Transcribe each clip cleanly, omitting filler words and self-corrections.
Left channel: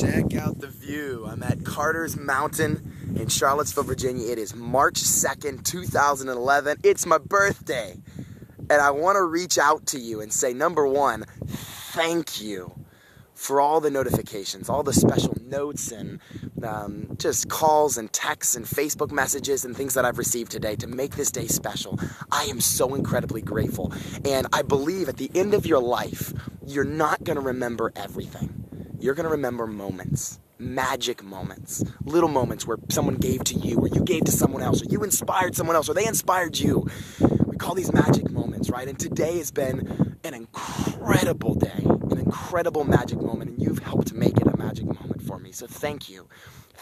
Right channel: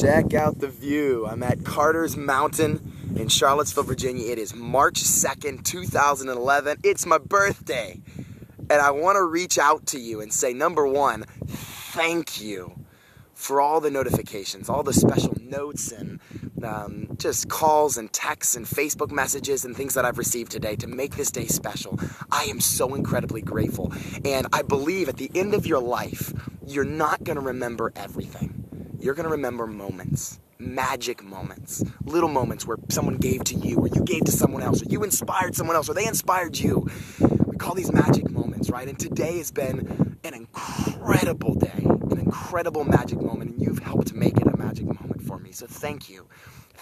Check out the view. I'm at Carter's Mountain in Charlottesville, Virginia. It is March 2nd, 2011. It's my birthday. And I want to reach out to you and say, number one, thank you for all the notifications, all the special notes and just calls and texts and Facebook messages and things that I've received today to make this day special. I am so incredibly grateful. And I believe at the end of your life, you're not going to remember everything. You're going to remember moments, magic moments, little moments where someone gave to you or you gave to someone else or you inspired someone else or they inspired you. We call these magic moments, right? And today has been an incredible day, an incredible magic moment, and you've helped make it a magic moment for me. So thank you.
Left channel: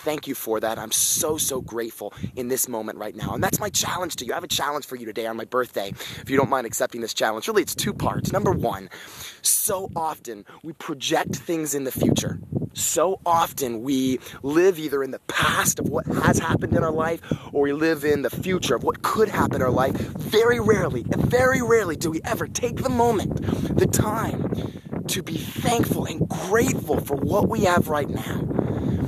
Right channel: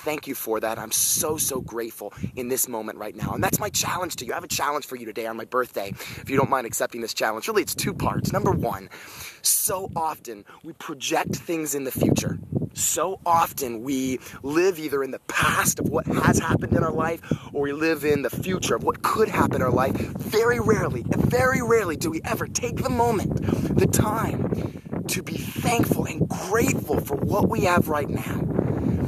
Thank you for that. I'm so, so grateful in this moment right now. And that's my challenge to you. I have a challenge for you today on my birthday. If you don't mind accepting this challenge, really it's two parts. Number one, so often we project things in the future. So often we live either in the past of what has happened in our life or we live in the future of what could happen in our life. Very rarely do we ever take the moment, the time to be thankful and grateful for what we have right now.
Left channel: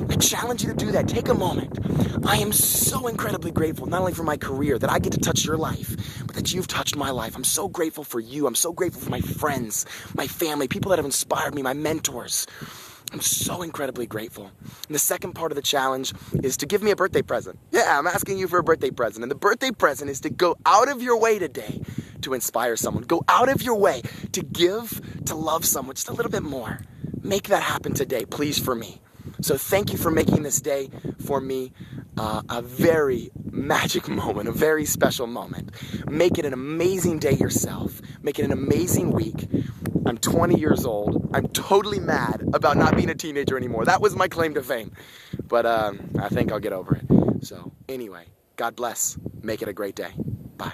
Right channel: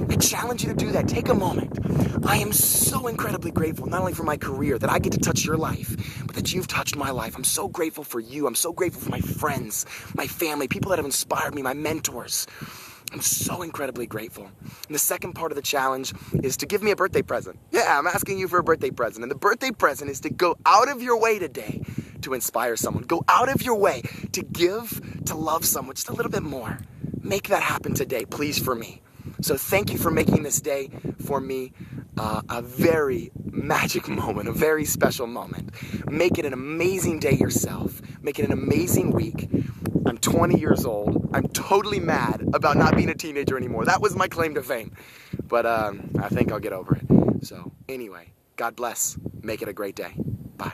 I challenge you to do that. Take a moment. I am so incredibly grateful, not only for my career, that I get to touch your life, but that you've touched my life. I'm so grateful for you. I'm so grateful for my friends, my family, people that have inspired me, my mentors. I'm so incredibly grateful. And the second part of the challenge is to give me a birthday present. Yeah, I'm asking you for a birthday present. And the birthday present is to go out of your way today to inspire someone. Go out of your way to give, to love someone just a little bit more. Make that happen today, please, for me. So thank you for making this day for me a very magic moment, a very special moment. Make it an amazing day yourself. Make it an amazing week. I'm 20 years old. I'm totally mad about not being a teenager anymore. That was my claim to fame. But I think I'll get over it. So anyway, God bless. Make it a great day. Bye.